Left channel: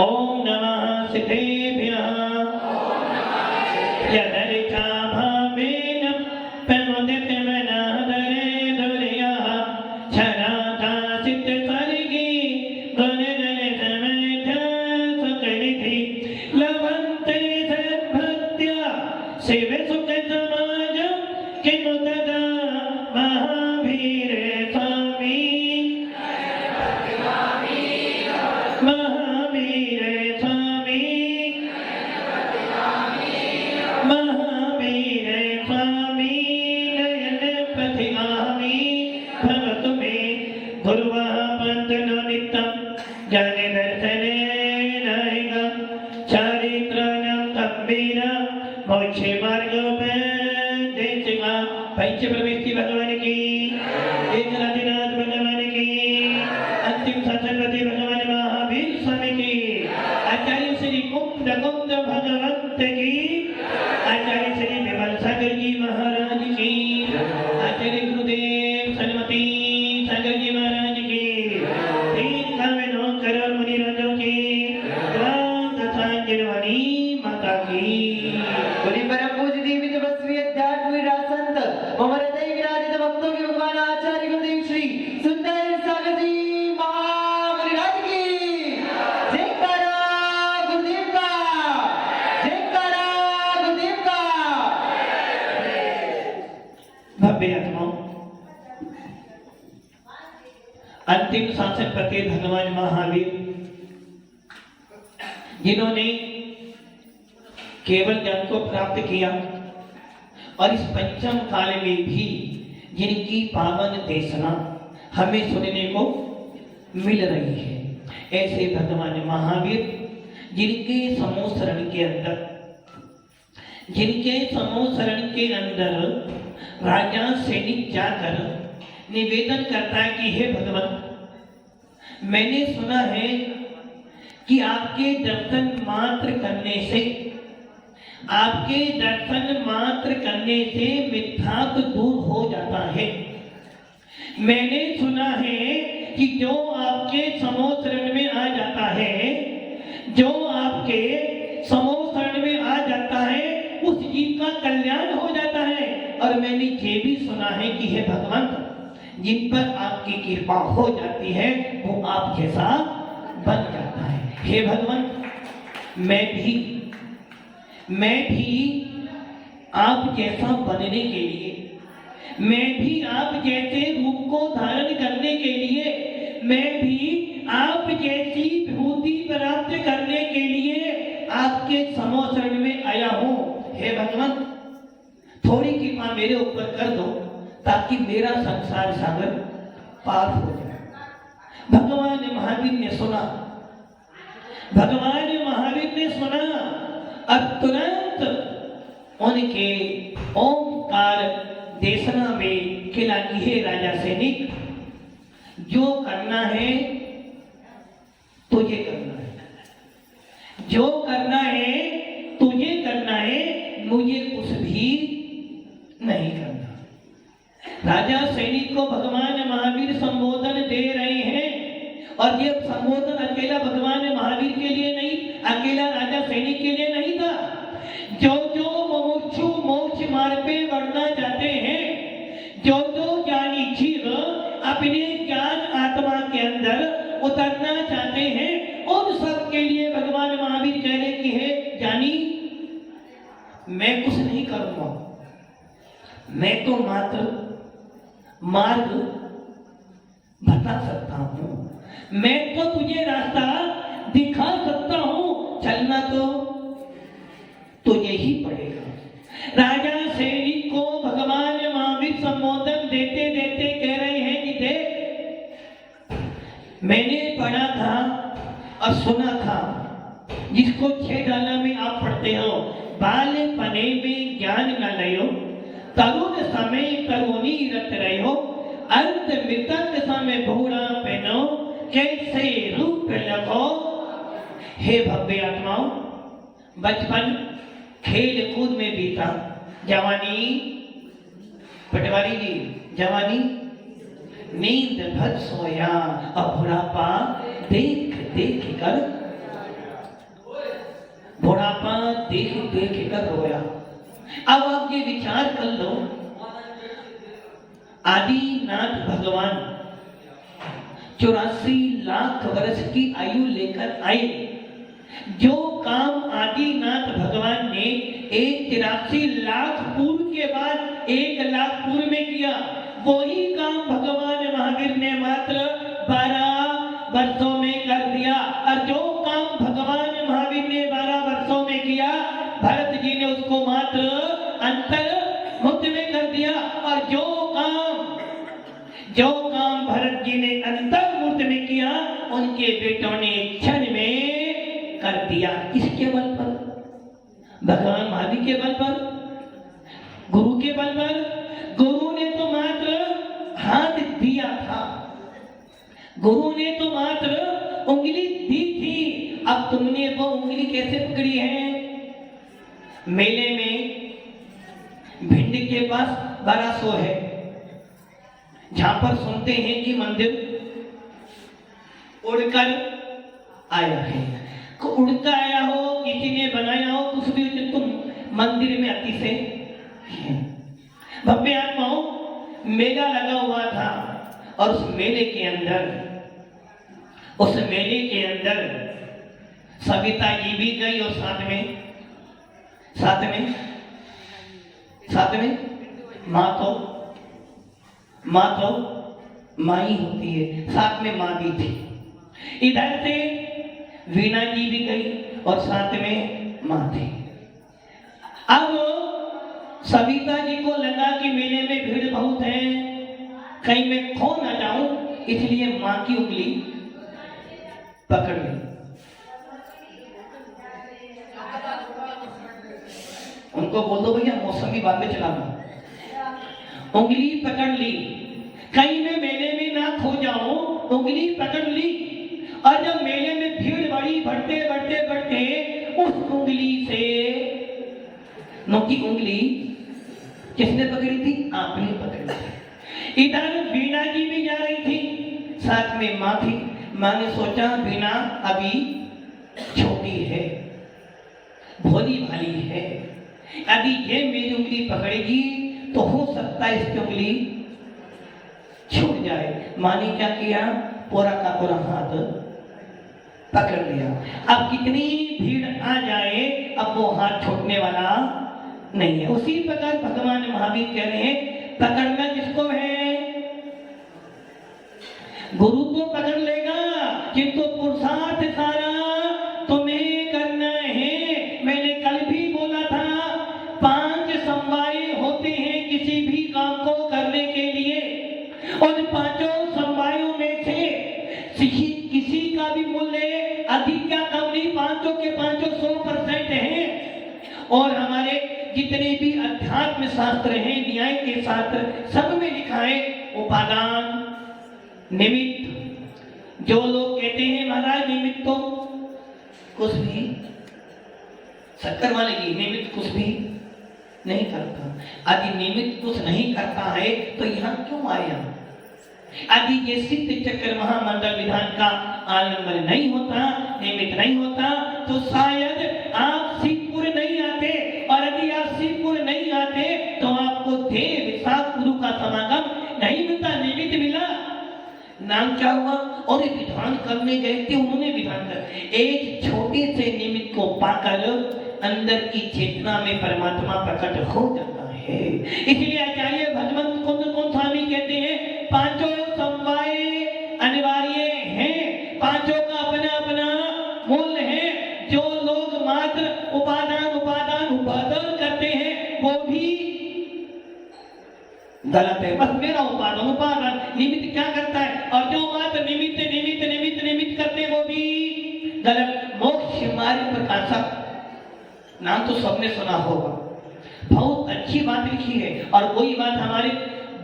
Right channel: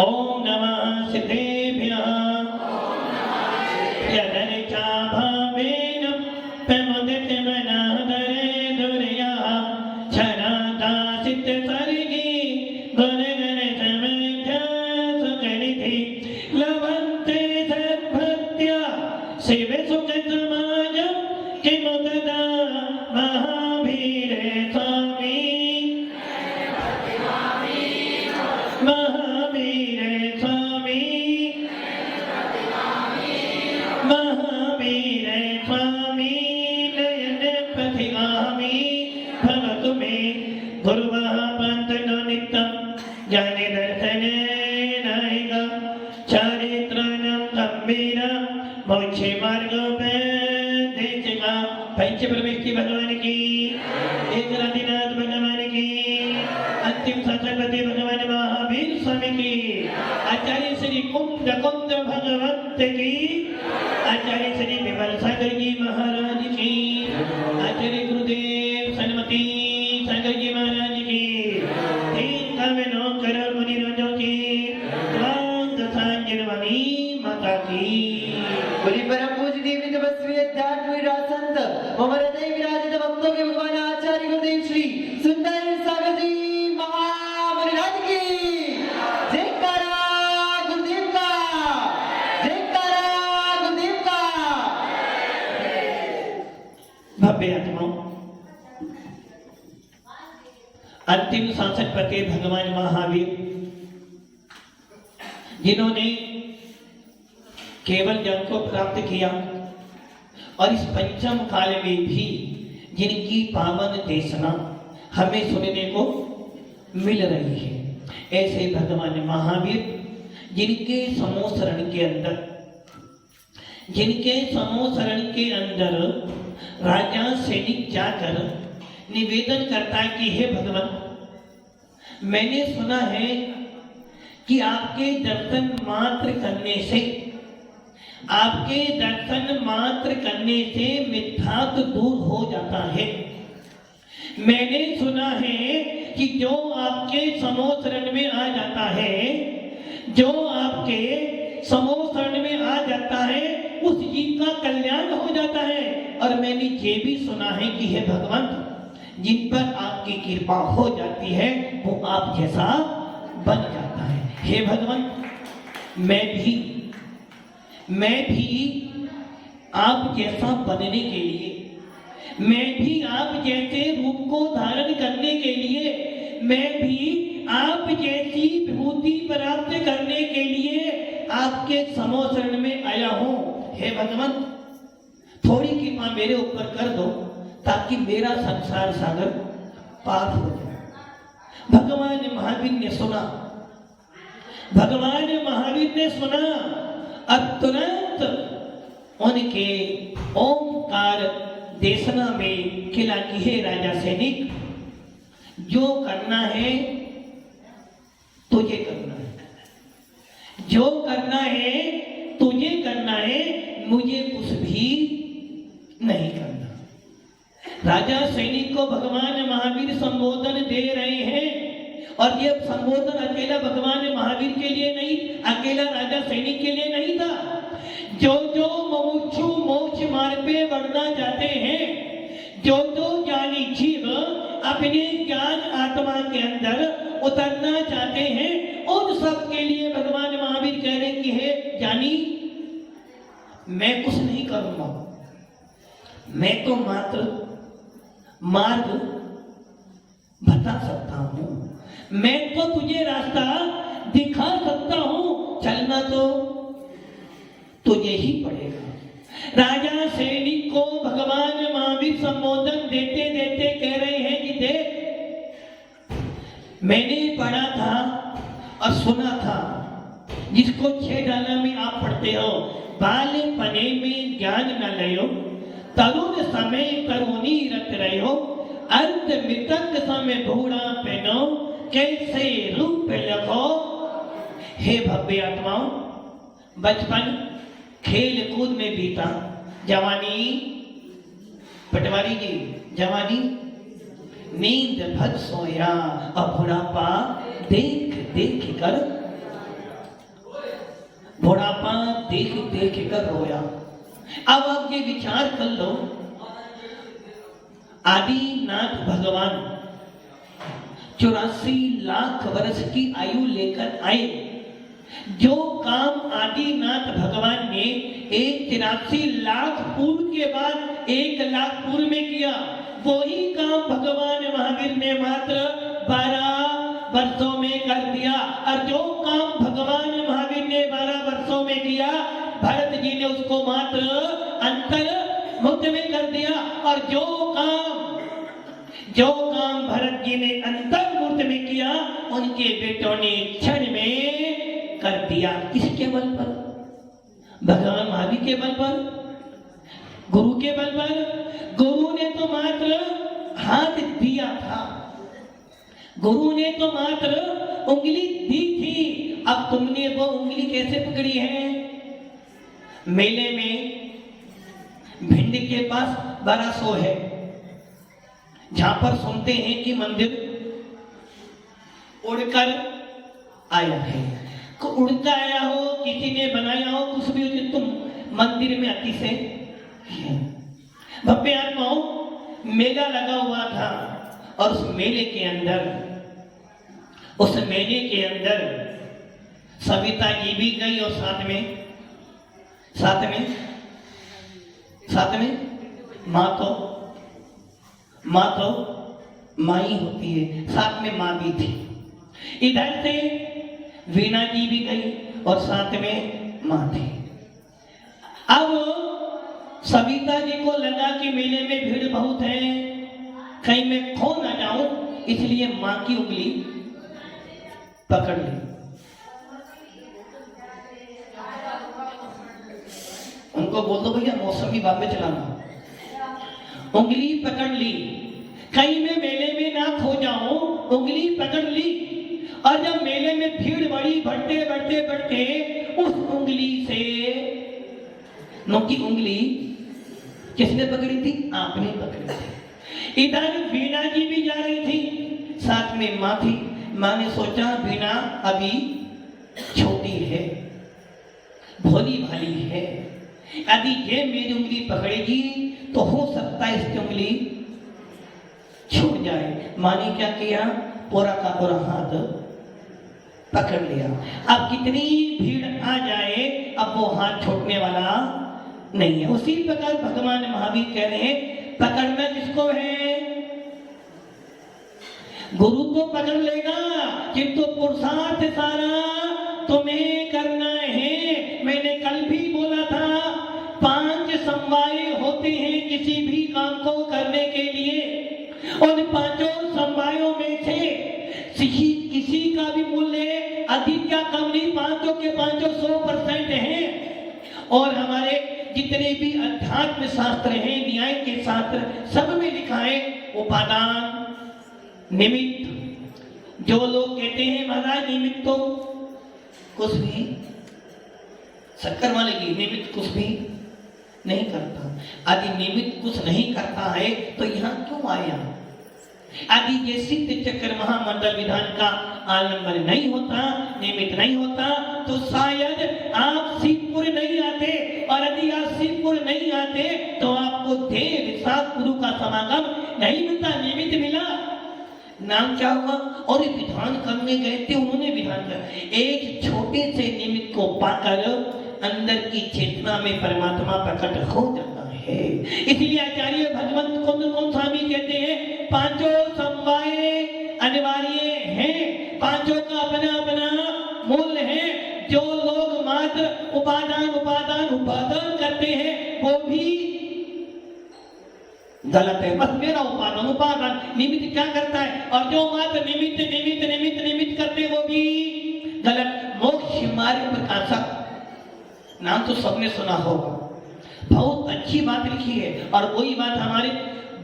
ओम नमः सिद्धेभ्यः यदरिचा भावेन प्रमुदित मनादरे दुर्या छराता चित्त सर्गी गुणगण समध्या सुकरिति लवन्ते सद्भक्त्या शिव सुख समाज किमुददा महावीर स्वामी महावीर स्वामी महावीर स्वामी नयन प्रतिगामी भवतु मे गुरुवः पंथन नित्यं जाने दर्शने रहेगा चारित्राणां गंभीर मोक्षे मार्ग देशगा पंच प्रवेशी भगवान की एकनाथनाथ भगवान की अंतिम शासनपति भगवान महावीर स्वामी की आचार्य श्री कुंद भगवंत की आचार्य श्री विमल सागर जी महाराज की आचार्य गुरुदेव सन्मति सागर जी महाराज की 3 करोड़ मुनि राजों की सांजनवाणी माता की बड़ी परम पूज्य देवी तपस्वी अध्यात्म विराट संत मम हृदय विराजित भक्तों के भगवान आचार्य गुरुदेव श्री सुंदर सागर जी महाराज की जयकारा गुरुदेव का जयकारा गुरुदेव का। भव्य आत्माओं अंतिम शासन पति भगवान महावीर जिन्होंने केवल ज्ञान को प्राप्त किया और इस पंचम काल में भी जिनकी पावन देशना हमें सुनने को मिल रही है, ऐसे भगवान महावीर जिनके समोसरण के अंदर राजा सैनिक जाकर निवेदन करता है कि हे भगवान, मैंने सुना है कि आपके दर्शन मात्र करने से मिथ्यात्व दूर हो जाता है। मैंने सुना है कि जो आपके समोसरण में आ जाता है उस जीव का कल्याण हो जाता है। और मैंने ये भी सुना है कि हे भगवान, जिन पर आपकी कृपा हो जाती है वो आप जैसा बन जाता है। हे भगवान, मैं भी आप जैसा बनने के लिए, मैं भी आप जैसे रूप को धारण करने के लिए, मैं भी आप जैसी विभूति प्राप्त करने के लिए आपके समोसरण में आया हूं। हे भगवान, थोड़ी कृपा मेरे ऊपर कर दो ताकि मेरा संसार सागर पार हो जाए। भगवान महावीर ने सुना और तुरंत उनके ओंकार देशना में खिला कि हे राजा सैनिक, जो करना है तुझे करना है, जो करना है तुझे करना है, मुझे कुछ भी नहीं करना। राजा सैनिक को भगवान महावीर संबोधन दे रहे हैं और ये संबोधन अकेला भगवान महावीर के लिए नहीं, अकेला राजा सैनिक के लिए नहीं था। जो मुमुक्षु मोक्ष मार्ग पे बढ़ना चाहते हैं, जो ज्ञानी जीव अपने ज्ञान आत्मा के अंदर उतरना चाहते हैं, उन सब के लिए भगवान महावीर कह रहे कि हे ज्ञानी, मैं कुछ नहीं करूंगा, मैं तो मात्र मार्ग बता सकता हूं, मैं तो तुझे रास्ता दिखा सकता हूं, चलना तो तुझे ही पड़ेगा। राजा सैनिक को भगवान महावीर संबोधन देते देते कह रहे हैं कि देख, मैंने पढ़ा था और सुना था, जिसको 6 डाला में आप पढ़ते हो, बाल पने में ज्ञान न लयो, तरुण समय तरुणी रत रहो, अंत मृतक समय भूड़ा पहनो, कैसे रूप लखो। हे भव्य आत्माओं, बचपन खेल कूद में बीता, जवानी पटवारी जी, जवानी नींद भर सोया और बुढ़ापा देख देख कर बुढ़ापा देख देख कर रोया। अब आप ये विचार कर लो, आदिनाथ भगवान 84 लाख वर्ष की आयु लेकर आए। जो काम आदिनाथ भगवान ने 83 लाख पूर्व के बाद 1 लाख पूर्व में किया, वही काम भगवान महावीर ने मात्र 12 वर्षों में कर दिया। और जो काम भगवान महावीर ने 12 वर्षों में किया, भरत जी ने उसको मात्र अंतर मुक्त में कर दिया। और जो काम भरत जी ने अंतर मुक्त में किया, उनके बेटों ने क्षण में कर दिया। किसके बल पर? भगवान महावीर के बल पर, गुरु के बल पर। गुरु ने तो मात्र हाथ दिया था, गुरु ने तो मात्र उंगली दी थी। अब तुमने वो उंगली कैसे पकड़ी है? मेले में भिंड के पास बड़ा सो है, जहां पर सुनते हैं कि मंदिर उड़कर आया है। उड़ता आया हो, किसी ने बनाया हो, कुछ भी हो, तुम मंदिर में अति से भव्य आत्माओं मेला लगा हुआ था। और उस मेले के अंदर सविता जी भी गई, और साथ में माँ ही होती है, साथ में माँ भी थी। इधर से वीणा जी भी गई और साथ में माँ थी। अब सविता जी को लगा कि मेले में भीड़ बहुत है, कहीं मैं खो ना जाऊं, इसलिए माँ की उंगली पकड़ ली। उनको बोल दो भैया मौसमी बातें चलाना। उंगली पकड़ ली, कहीं मैं मेले में ना खो जाऊं, उंगली पकड़ ली। और जब मेले में भीड़ बढ़ी, बढ़ते उस उंगली से, नोकी उंगली किसने पकड़ी थी? आपने पकड़ी थी। इधर वीणा जी भी जा रही थी, साथ में माँ थी। माँ ने सोचा वीणा अभी छोटी है, भोली भाली है, यदि ये मेरी उंगली पकड़ेगी तो हो सकता है इसकी उंगली छूट जाए। माँ ने क्या किया? पूरा का पूरा हाथ पकड़ लिया। अब कितनी भीड़ आ जाए, अब वो हाथ छूटने वाला नहीं है। उसी प्रकार भगवान महावीर कह रहे हैं, पकड़ना किसको है? गुरु तो पकड़ लेगा, किंतु पुरुषार्थ सारा तुम्हें करना है। मैंने कल भी बोला था, 5 समवाय होते हैं किसी भी काम को करने के लिए। उन 5 समवायों में से किसी का भी मूल्य अधिक या कम नहीं, 5 के 5 100% है। और हमारे जितने भी अध्यात्म शास्त्र हैं, न्याय के शास्त्र, सब में लिखा है उपादान निमित्त। जो लोग कहते हैं महाराज निमित्त तो कुछ भी, शक्कर मानेगी, निमित्त कुछ भी नहीं करता। यदि निमित्त कुछ नहीं करता है तो यहाँ क्यों आया? यदि ये सिद्ध चक्र महामंडल विधान का आलम्बन नहीं होता, निमित्त नहीं होता, तो शायद आप शिवपुर नहीं आते। और यदि आप शिवपुर नहीं आते तो आपको देव विशाख गुरु का समागम नहीं मिलता, निमित्त मिला। नाम क्या हुआ? और विधान करने गए थे, उन्होंने विधान कर एक छोटे से निमित्त को पाकर अंदर की चेतना में परमात्मा प्रकट हो जाता है। इसलिए आचार्य भगवंत कौन स्वामी कहते हैं, 5 समवाय अनिवार्य हैं, 5 का अपना अपना मूल्य है। जो लोग मात्र उपादान करते हैं वो भी गलत है। बस मेरा उपादान निमित्त क्या करता है, और जो मात्र निमित्त करते हैं वो भी गलत। मोक्ष मार्ग प्रकाशक नाम तो सबने सुना होगा, बहुत अच्छी बात लिखी है। और वही बात हमारी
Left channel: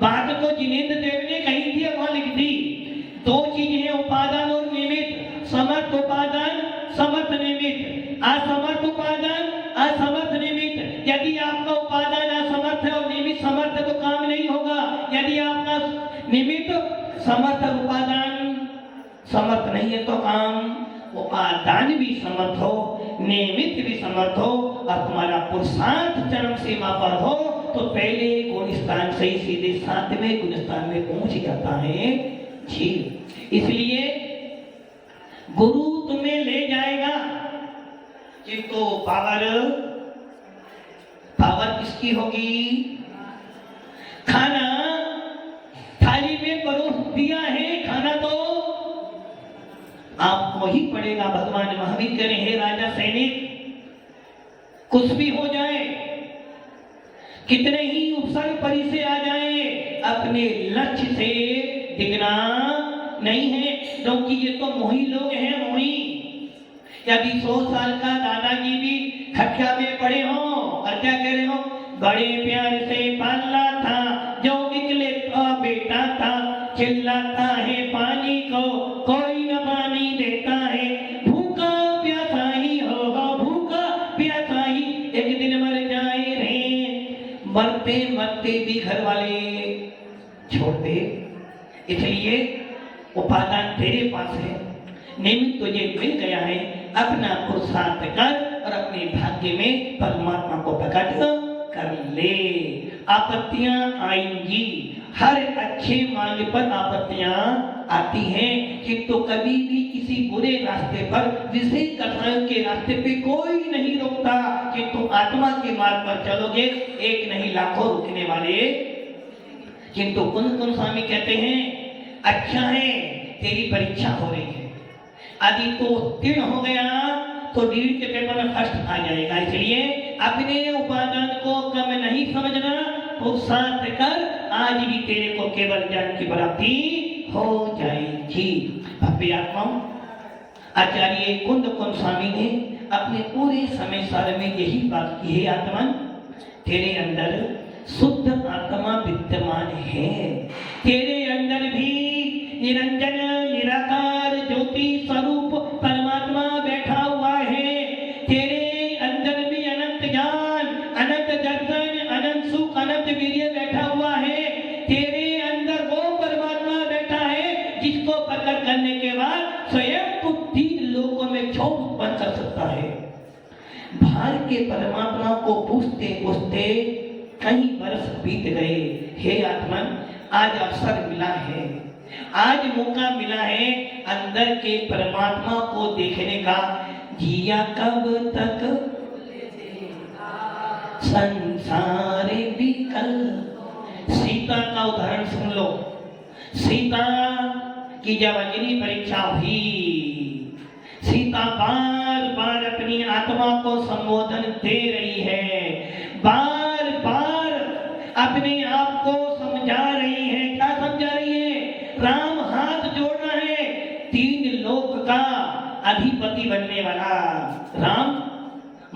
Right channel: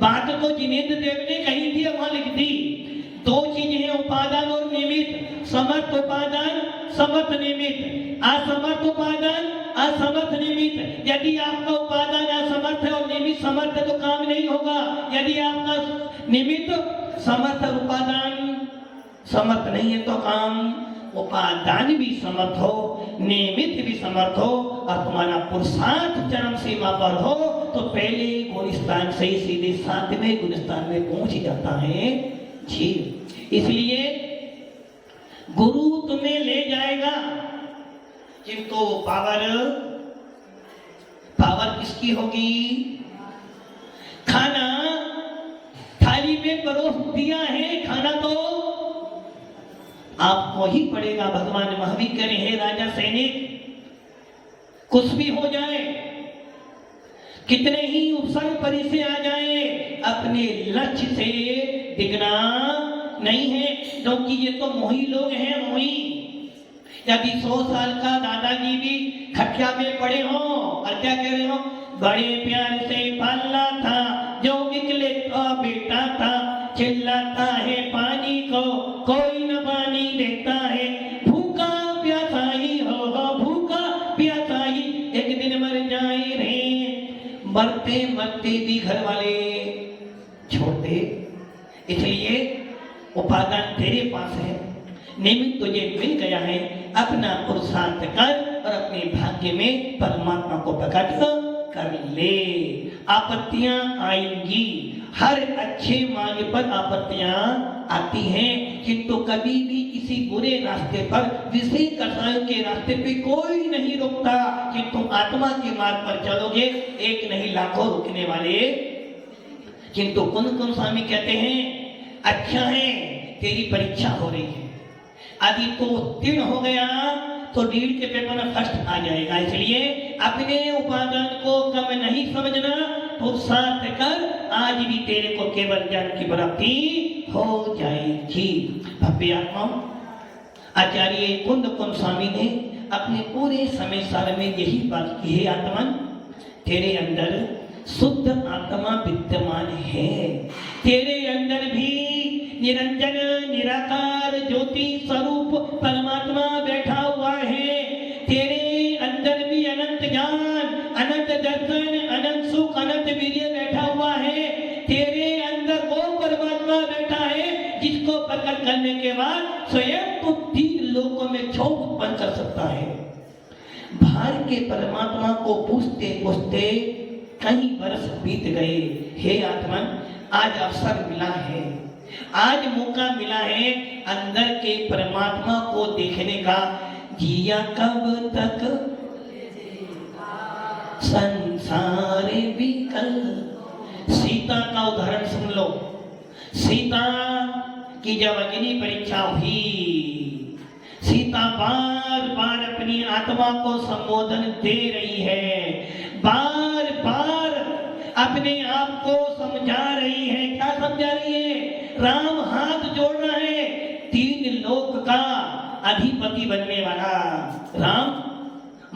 बात को जिनेंद्र देव ने कही थी, वहां लिख दी। 2 चीजें हैं, उपादान और निमित्त। समर्थ उपादान, समर्थ निमित्त। असमर्थ उपादान, असमर्थ निमित्त। यदि आपका उपादान असमर्थ है और निमित्त समर्थ है तो काम नहीं होगा। यदि आपका निमित्त समर्थ, उपादान समर्थ नहीं है तो काम उपादान भी समर्थ हो, नियमित भी समर्थ हो और तुम्हारा पुरुषार्थ चरम सीमा पर हो तो पहले गुणस्थान से ही सीधे 7वें गुणस्थान में पहुंच जाता है जीव। इसलिए गुरु तुम्हें ले जाएगा, किंतु पावर किसकी होगी? खाना थाली में परोस दिया है, खाना तो आपको ही पड़ेगा। भगवान महावीर करें, हे राजा सैनिक, कुछ भी हो जाए, कितने ही उपसर्ग परि से आ जाए, अपने लक्ष्य से डिगना नहीं है, क्योंकि ये तो मोही लोग हैं। मोही यदि 100 साल का दादाजी भी खटिया में पड़े हो और क्या कह रहे हो, बड़े प्यार से पाला था, जो निकले तो बेटा था, चिल्लाता है पानी को कोई न पानी देता है, भूखा प्यासा ही हो, भूखा प्यासा ही एक दिन मर जाए रे, मरते मरते भी घर वाले छोड़ते। इसलिए उपादान तेरे पास है, निमित्त तुझे मिल गया है, अपना पुरुषार्थ कर और अपने भाग्य में परमात्मा को प्रकट कर ले। आपत्तियां आएंगी, हर अच्छे मार्ग पर आपत्तियां आती हैं, किंतु कभी भी किसी बुरे रास्ते पर, जिसे कसायों के रास्ते पे कोई नहीं रोकता, किंतु आत्मा के मार्ग पर चलोगे एक नहीं लाखों रुकने वाले। किंतु कुंद स्वामी कहते हैं, अच्छा है तेरी परीक्षा हो रही है, यदि तो उत्तीर्ण हो गया तो नीट के पेपर में फर्स्ट आ जाएगा। इसलिए अपने उपादान को कम नहीं समझना, पुरुषार्थ कर, आज भी तेरे को केवल ज्ञान की प्राप्ति हो जाएगी। भव्य आत्माओं, आचार्य कुंद स्वामी ने अपने पूरे समय सार में यही बात की है, आत्मा तेरे अंदर शुद्ध आत्मा विद्यमान है, तेरे अंदर भी निरंजन निराकार ज्योति स्वरूप परमात्मा बैठा हुआ है, तेरे अंदर भी अनंत ज्ञान, अनंत दर्शन, अनंत सुख, अनंत वीर्य बैठा हुआ है, तेरे अंदर वो परमात्मा बैठा है जिसको प्रकट करने के बाद स्वयं को 3 लोकों में छोड़ उत्पन्न कर सकता है। बाहर के परमात्मा को पूछते पूछते कई वर्ष बीत गए। हे आत्मा, आज अवसर मिला है, आज मौका मिला है अंदर के परमात्मा को देखने का। जिया कब तक संसार विकल। सीता का उदाहरण सुन लो। सीता की जब अग्नि परीक्षा हुई, सीता बार बार अपनी आत्मा को संबोधन दे रही है, बार बार अपने आप को समझा रही है। क्या समझा रही है? राम हाथ जोड़ रहा है, 3 लोक का अधिपति बनने वाला राम,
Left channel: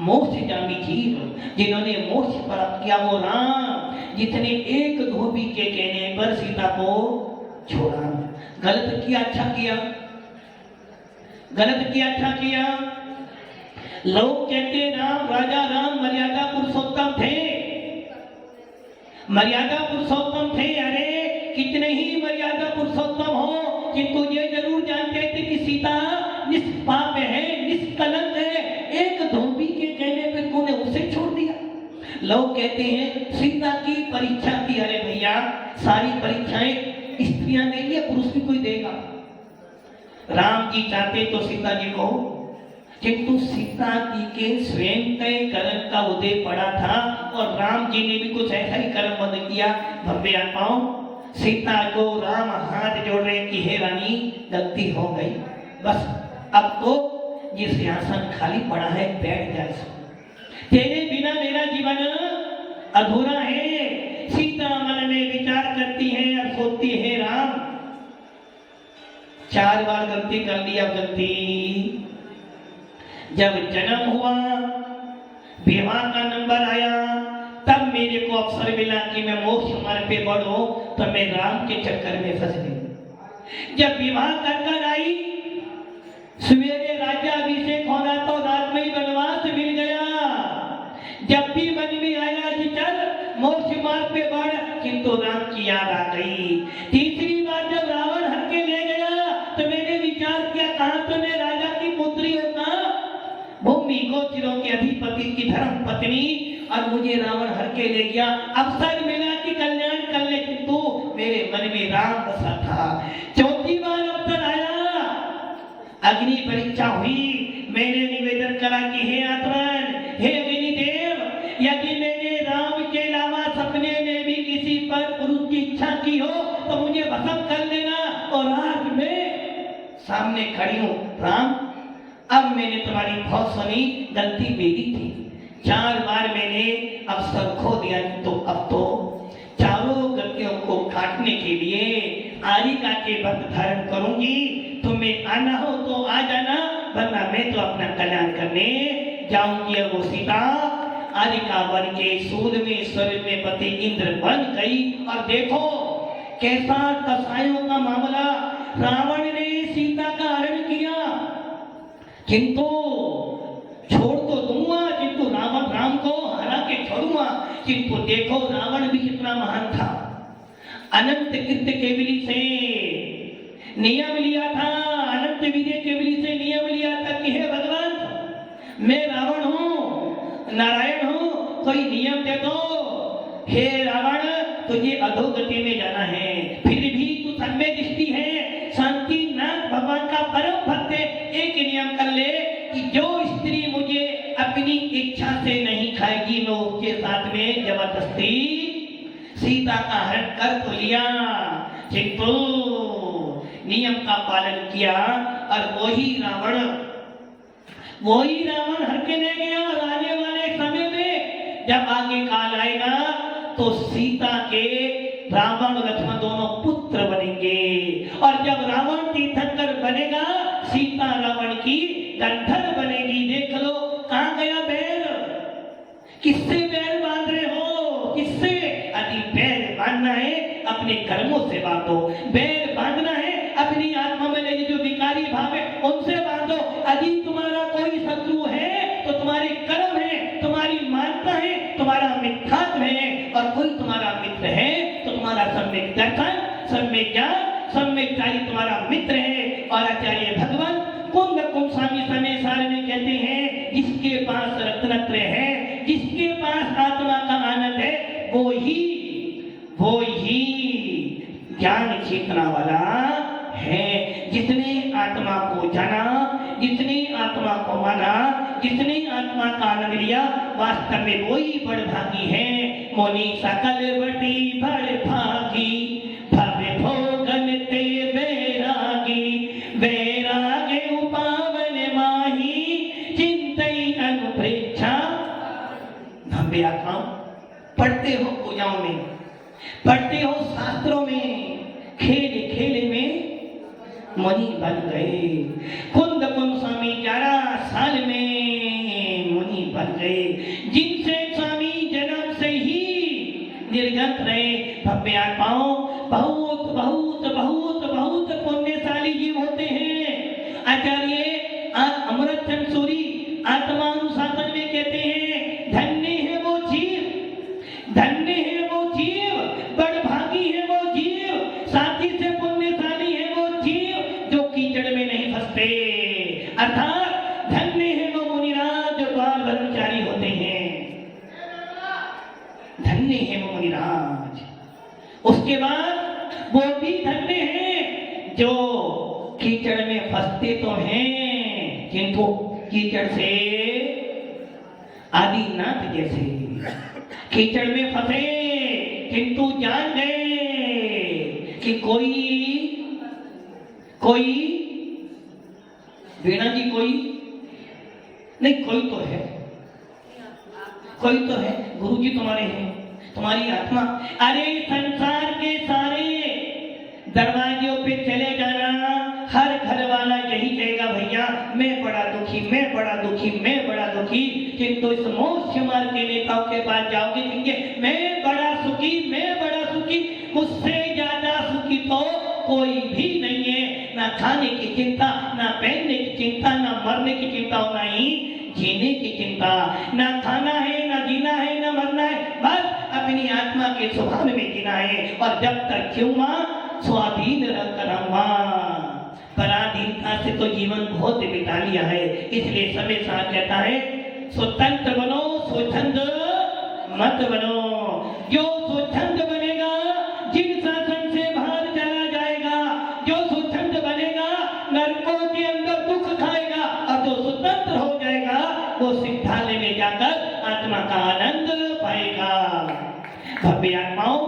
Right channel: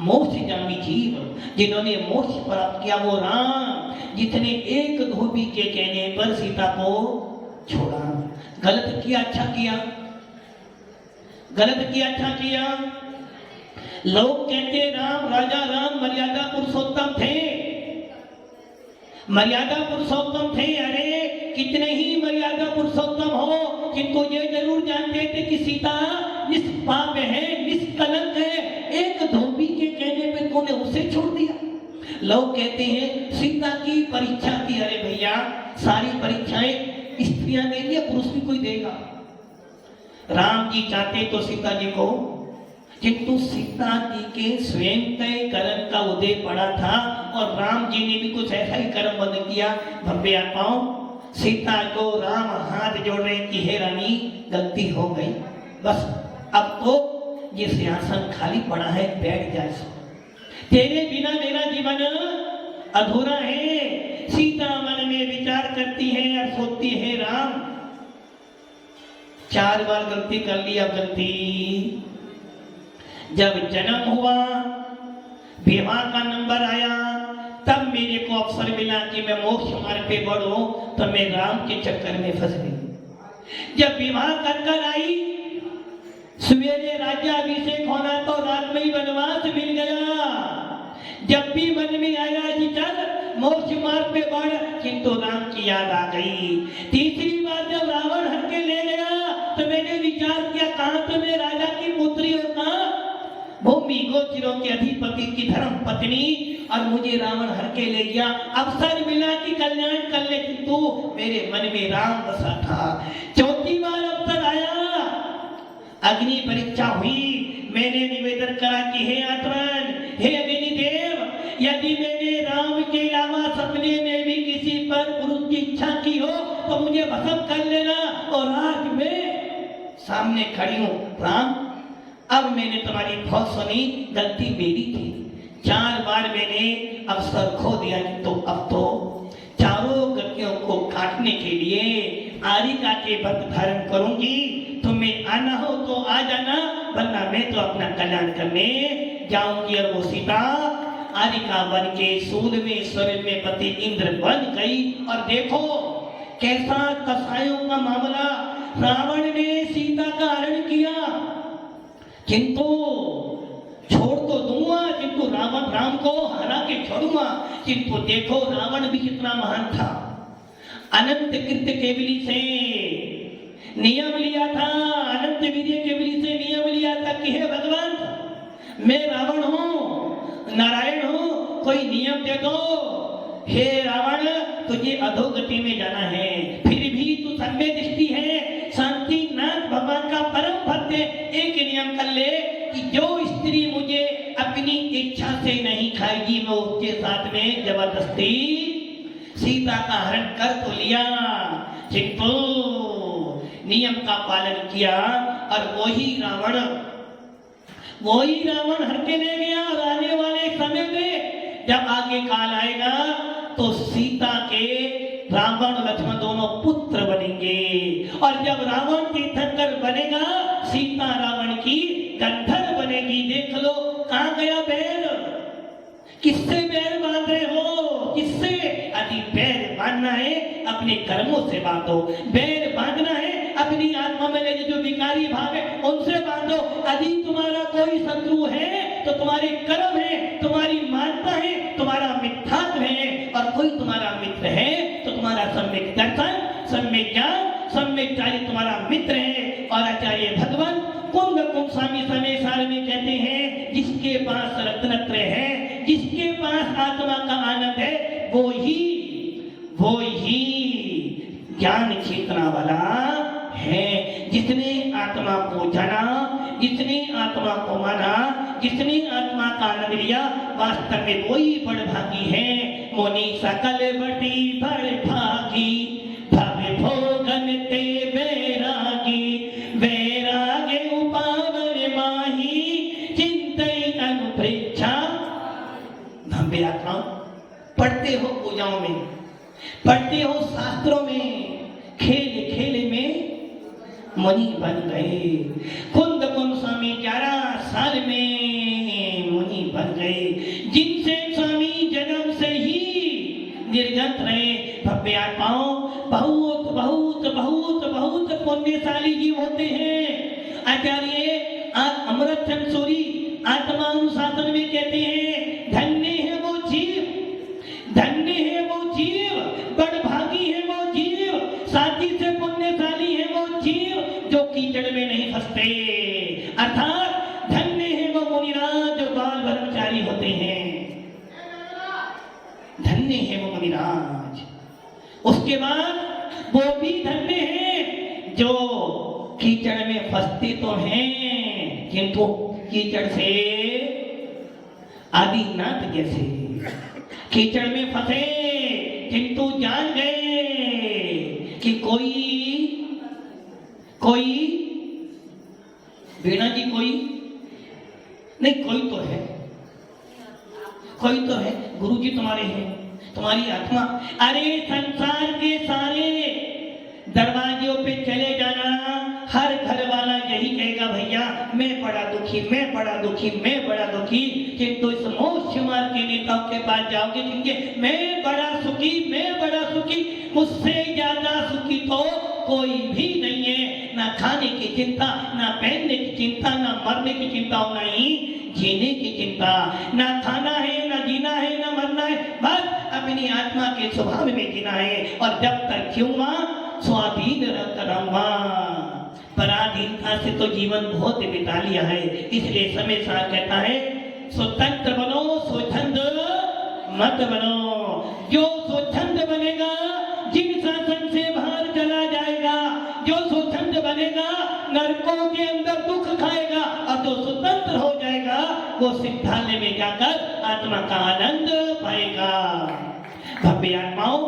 मोक्षगामी जीव जिन्होंने मोक्ष प्राप्त किया, वो राम जितने एक धोबी के कहने पर सीता को छोड़ा। गलत किया अच्छा किया? गलत किया अच्छा किया? लोग कहते राम, राजा राम मर्यादा पुरुषोत्तम थे, मर्यादा पुरुषोत्तम थे। अरे कितने ही मर्यादा पुरुषोत्तम हो, किंतु ये जरूर जानते थे कि सीता निष्पाप है, निष्कलंक है। एक धोबी के कहने पर तूने उसे छोड़ दिया। लोग कहते हैं सीता की परीक्षा थी। अरे भैया, सारी परीक्षाएं स्त्रियां देंगी या पुरुष भी कोई देगा? राम जी चाहते तो सीता जी को, किंतु सीता जी के स्वयं के कर्म का उदय पड़ा था और राम जी ने भी कुछ ऐसा ही कर्म बंद किया। भव्य आत्माओं, सीता को राम हाथ जोड़ रहे कि हे रानी, गलती हो गई, बस अब तो ये सिंहासन खाली पड़ा है, बैठ जा। तेरे बिना मेरा जीवन अधूरा है। सीता मन में विचार करती है और सोचती है राम, 4 बार गलती कर लिया। गलती जब जन्म हुआ, विवाह का नंबर आया, तब मेरे को अवसर मिला कि मैं मोक्ष मार्ग पे बढ़ूं, तो मैं राम के चक्कर में फंस गई। जब विवाह कर आई, सवेरे राज्याभिषेक होना तो रात में ही वनवास मिल गया। जब भी मन में आया कि चल मोक्ष मार्ग पे बढ़, किंतु राम की याद आ गई। तीसरी बार जब रावण हर के ले गया तो मैंने विचार किया, कहां तो मैं राजा की पुत्र भूमि गोचरों के अधिपति की धर्म पत्नी, और मुझे रावण हर के ले गया। अवसर मिला कि कल्याण कर ले, किंतु मेरे मन में राम बसा था। चौथी बार अवसर आया, अग्नि परीक्षा हुई, मैंने निवेदन करा कि हे आत्मन, हे अग्निदेव, यदि मैंने राम के अलावा सपने में भी किसी पर पुरुष की इच्छा की हो तो मुझे भस्म कर लेना, और आज मैं सामने खड़ी हूँ। राम, अब मैंने तुम्हारी बहुत सुनी, गलती मेरी थी। 4 बार मैंने अवसर खो दिया, तो अब तो चारों गलतियों को काटने के लिए आरिका के व्रत धारण करूंगी। तुम्हें आना हो तो आ जाना, वरना मैं तो अपना कल्याण करने जाऊंगी। और वो सीता आरिका बन के सूल में स्वर्ग में पति इंद्र बन गई। और देखो कैसा कसायों का मामला, रावण ने सीता का हरण किया, किंतु छोड़ तो दूंगा, किंतु राम को हरा के छोड़ूंगा। किंतु देखो रावण भी कितना महान था, अनंत कृत्य केवली से नियम लिया था, अनंत विजय केवली से नियम लिया था कि हे भगवान, मैं रावण हूँ, नारायण हूँ, कोई नियम दे दो। हे रावण, तुझे अधोगति में जाना है, फिर भी तू सम्य दृष्टि है, शांति नाथ भगवान का परम भक्त है। एक नियम कर ले कि जो स्त्री मुझे अपनी इच्छा से नहीं खाएगी, मैं उसके साथ में जबरदस्ती सीता का हरण कर तो लिया, किंतु नियम का पालन किया। और वही रावण हर के ले गया। और आने वाले समय में जब आगे काल आएगा तो सीता के रावण लक्ष्मण दोनों पुत्र बनेंगे। और जब रावण तीर्थंकर बनेगा, सीता रावण की गंधर बनेगी। देख लो कहाँ गया बैर, किससे बैर बांध रहे हो, किससे? यदि बैर बांधना है अपने कर्मों से बांधो, बैर बांधना है अपनी आत्मा में लगे जो विकारी भाव है उनसे बांधो। यदि तुम्हारा कोई शत्रु है तो तुम्हारे कर्म है, तुम्हारी मानता है, तुम्हारा मिथ्यात्व है। और कोई तुम्हारा मित्र है तो तुम्हारा सम्यक दर्शन, सम्यक ज्ञान, सम्यक कार्य तुम्हारा मित्र है। और आचार्य भगवान कुंभ स्वामी समय सार में कहते हैं, जिसके पास रत्नत्र है, जिसके पास आत्मा का आनंद है, वो ही ज्ञान चेतना वाला है। जिसने आत्मा को जाना, जिसने आत्मा को माना, जिसने आत्मा का आनंद लिया, वास्तव में वही बड़भागी है। मोनि सकल बटी बड़ भागी, भव भोगन ते वैरागी, वैरागे उपावन माही, चिंतई अनुप्रेक्षा। भव्य आत्मा, पढ़ते हो पूजाओं में, पढ़ते हो शास्त्रों में, खेल खेल में मुनि बन गए। कुंद स्वामी 11 साल में मुनि बन गए, जिनसे स्वामी जन्म से ही निर्गत रहे। भव्य आत्माओं, बहुत बहुत बहुत बहुत पुण्यशाली जीव होते हैं। आचार्य अमृत चंद सूरी आत्मानुशासन में कहते हैं, धन्य है वो जीव, धन्य है वो जीव, बड़भागी है वो जीव, साथी से पुण्यशाली है वो जीव जो कीचड़ में नहीं फंसते। अर्थात धन्य है वो मुनिराज जो बाल ब्रह्मचारी होते हैं, धन्य है वो मुनिराज। उसके बाद वो भी धन्य है जो कीचड़ में फंसते तो हैं, किंतु कीचड़ से आदिनाथ जैसे कीचड़ में फंसे, किंतु जान गए कि कोई वीणा जी कोई नहीं, कोई तो है, कोई तो है। गुरु जी तुम्हारे हैं, तुम्हारी आत्मा। अरे संसार के सारे दरवाजों पे चले जाना, हर घर वाला यही कहेगा, भैया मैं बड़ा दुखी, मैं बड़ा दुखी, मैं बड़ा दुखी। किंतु इस मोक्ष मार्ग के नेताओं के पास जाओगे, क्योंकि मैं बड़ा सुखी, मैं बड़ा सुखी, मुझसे ज्यादा सुखी तो कोई भी नहीं है। ना खाने की चिंता, ना पहनने की चिंता, ना मरने की चिंता, ना ही जीने की चिंता। ना खाना है, ना जीना है, ना मरना है, बस अपनी आत्मा के स्वभाव में जीना है। और जब तक जीऊंगा स्वाधीन रहकर रहूंगा, पराधीनता से तो जीवन बहुत बिता लिया है, इसलिए समय साथ कहता है स्वतंत्र बनो, स्वच्छंद मत बनो। जो स्वच्छंद बनेगा जिन शासन से बाहर चला जाएगा, जो स्वच्छंद बनेगा नरकों के अंदर दुख खाएगा, और जो स्वतंत्र हो जाएगा वो सिद्धालय में जाकर आत्मा का आनंद पाएगा। भव्य आत्माओं,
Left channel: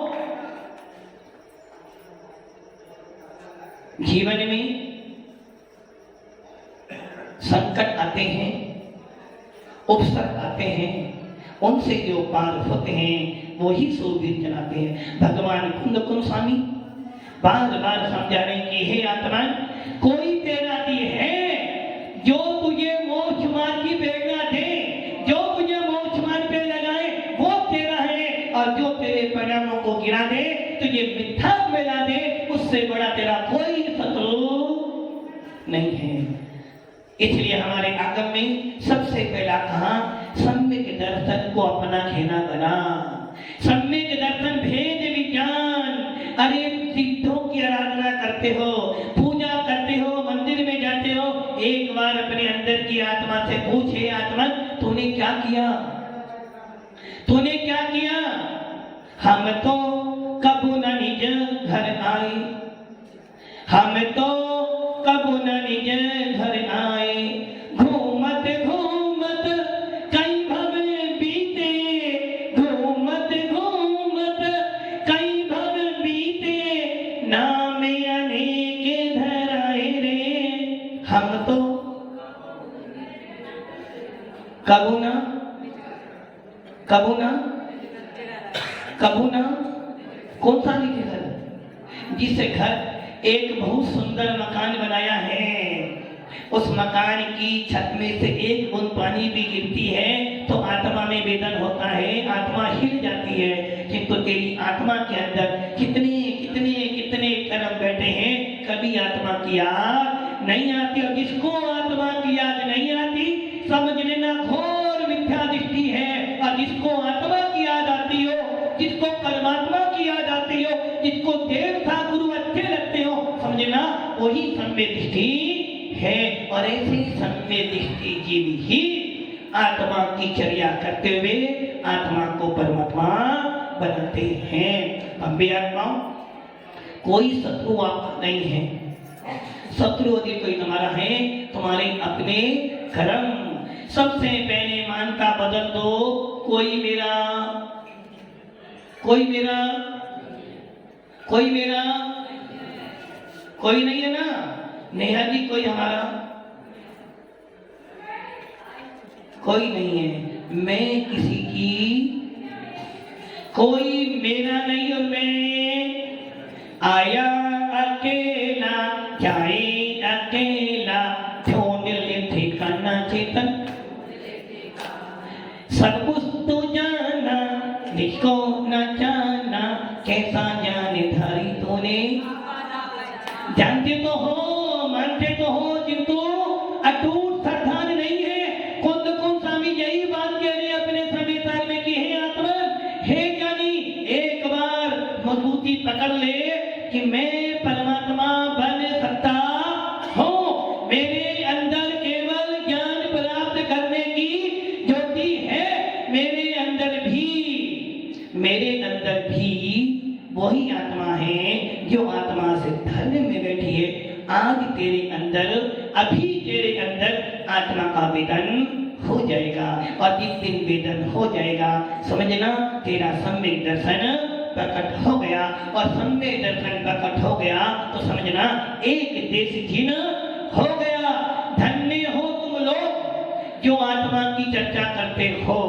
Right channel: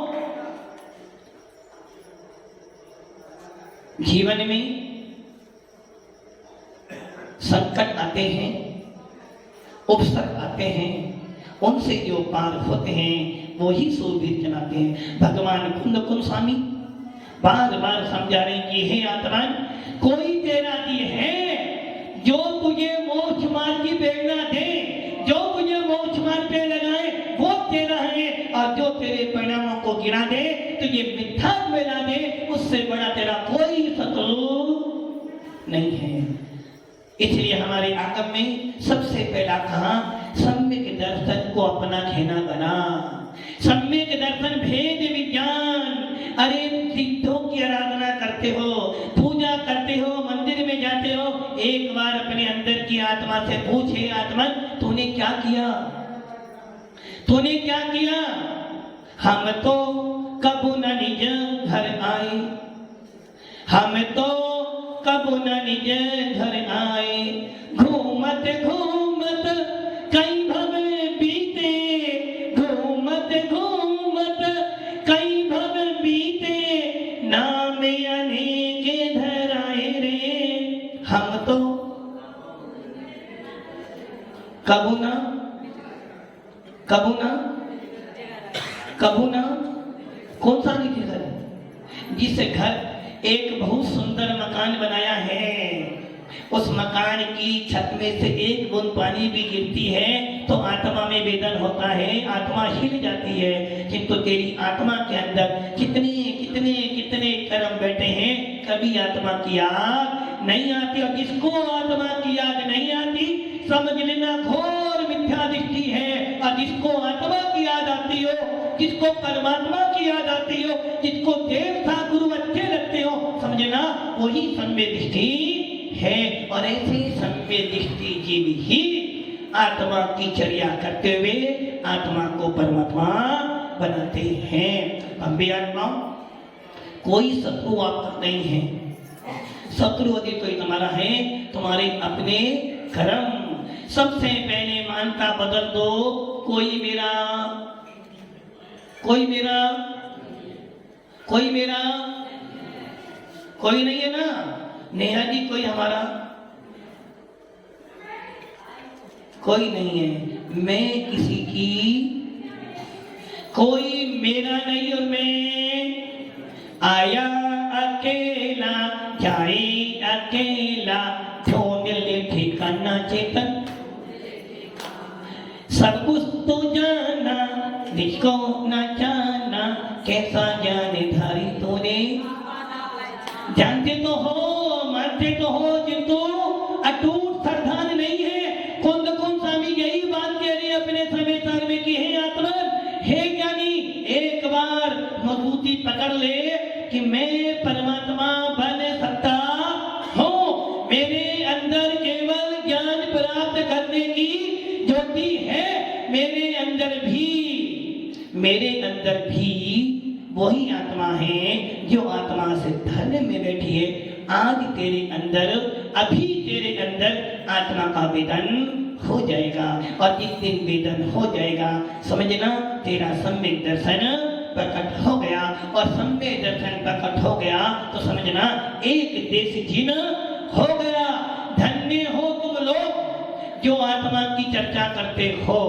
जीवन में संकट आते हैं, उपसर्ग आते हैं, उनसे जो पार होते हैं वो ही सूरवीर चलाते हैं। भगवान कुंद स्वामी बार बार समझा रहे कि हे आत्मा, कोई तेरा दिए है जो तुझे मोक्ष मार्ग की प्रेरणा दे, जो तुझे मोक्ष मार्ग पे लगाए वो तेरा है, और जो तेरे परिणामों को गिरा दे, तुझे मिथ्या में ला दे, उससे बड़ा तेरा कोई शत्रु नहीं है। इसलिए हमारे आगम में सबसे पहला कहा सम्यक दर्शन को अपना खेना बना। सम्यक दर्शन भेद विज्ञान। अरे सिद्धों की आराधना करते हो, पूजा करते हो, मंदिर में जाते हो, एक बार अपने अंदर की आत्मा से पूछे, आत्मा तूने क्या किया, तूने क्या किया? हम तो कबू न निज घर आए, हम तो कबू न निज घर आए, घूमत घूमत कई भव बीते, घूमत घूमत कई भव बीते, नाम अनेक धराए रे। हम तो कबू ना कौन सा नहीं घर, जिसे घर एक बहुत सुंदर मकान बनाया है, उस मकान की छत में से एक बूंद पानी भी गिरती है तो आत्मा में वेदन होता है, आत्मा हिल जाती है। किंतु तेरी आत्मा के अंदर कितने कितने कितने कर्म बैठे हैं, कभी आत्मा की याद नहीं आती। और जिसको आत्मा की याद नहीं आती समझ लेना घोर मिथ्या दृष्टि है। और जिसको आत्मा की याद आती हो, जिसको परमात्मा की याद आती हो, जिसको देवता गुरु अच्छे लगते हो, समझना वही सम्य दृष्टि है। और ऐसे ही सम्य दृष्टि जीव ही आत्मा की चर्या करते हुए आत्मा को परमात्मा बनाते हैं। भव्य आत्माओं, कोई शत्रु आपका नहीं है। शत्रु यदि कोई तुम्हारा है, तुम्हारे अपने कर्म। सबसे पहले मानता बदल दो, कोई मेरा, कोई मेरा, कोई मेरा, कोई नहीं है ना। नेहा जी कोई हमारा, कोई नहीं है। मैं किसी की, कोई मेरा नहीं, और मैं आया अकेला जाए अकेला, ढूंढ ठिकाना चेतन, सब कुछ तो जाना जिसको न जाना, कैसा जाने धारी तूने। जानते तो हो, मानते तो हो, किंतु अटूट श्रद्धान नहीं है। खुद कौन स्वामी यही बात कह रहे अपने सभ्यता में कि हे आत्मा, हे ज्ञानी, एक बार मजबूती पकड़ ले कि मैं परमात्मा बन सकता हूँ। मेरे अंदर केवल ज्ञान प्राप्त करने की ज्योति है। मेरे अंदर भी वही आत्मा है जो आत्मा से धर्म में बैठी है। आज तेरे अंदर, अभी तेरे अंदर आत्मा का वेदन हो जाएगा। और जिस दिन वेदन हो जाएगा, समझना तेरा सम्यक दर्शन प्रकट हो गया। और सम्यक दर्शन प्रकट हो गया तो समझना एक देश जिन हो गया। धन्य हो तुम लोग जो आत्मा की चर्चा करते हो।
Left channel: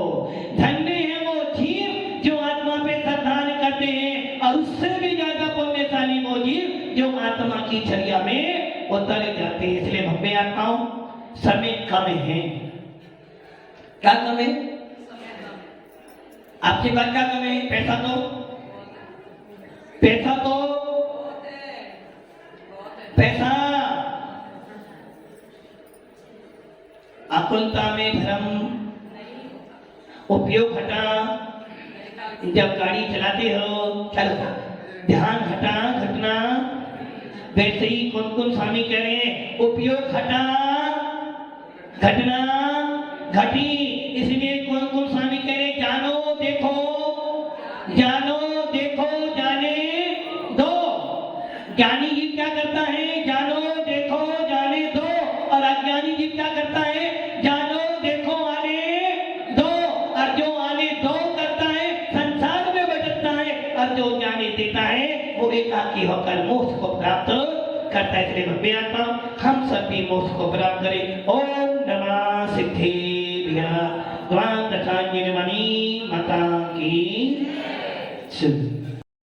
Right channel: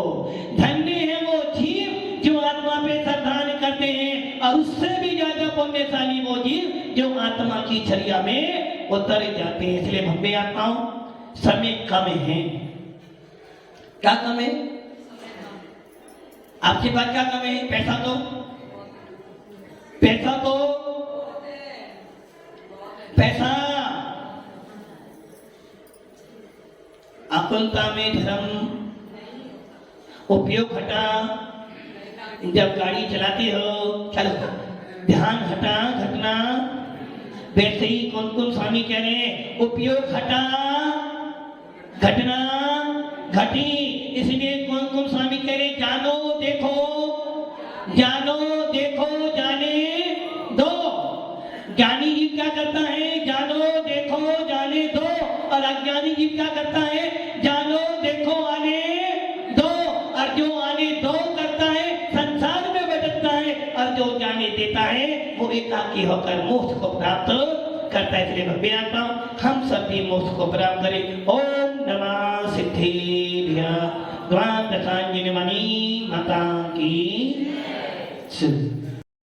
धन्य है वो जीव जो आत्मा पे श्रद्धान करते हैं। और उससे भी ज्यादा पुण्यशाली वो जीव जो आत्मा की चर्या में उतर जाते हैं। इसलिए भव्य आत्माओं, समय कम है। क्या कम है? आपके पास क्या कम है? पैसा दो, पैसा दो, पैसा। आकुलता में धर्म, उपयोग हटा। जब गाड़ी चलाते हो, चलो ध्यान हटा, घटना वैसे ही कौन कौन स्वामी कह रहे हैं उपयोग घटा घटना घटी, इसलिए कौन कौन स्वामी कह रहे हैं जानो देखो जाने दो। ज्ञानी जीव क्या करता है जानो देखो जाने दो, और अज्ञानी जीव क्या करता है जानो देखो आने दो। और जो आने दो करता है संसार में भटकता है, और जो जाने देता है वो एकाकी होकर मोक्ष को प्राप्त करता है। इसलिए भव्य आत्मा हम सभी मोक्ष को प्राप्त करें। ओम नमः सिद्धि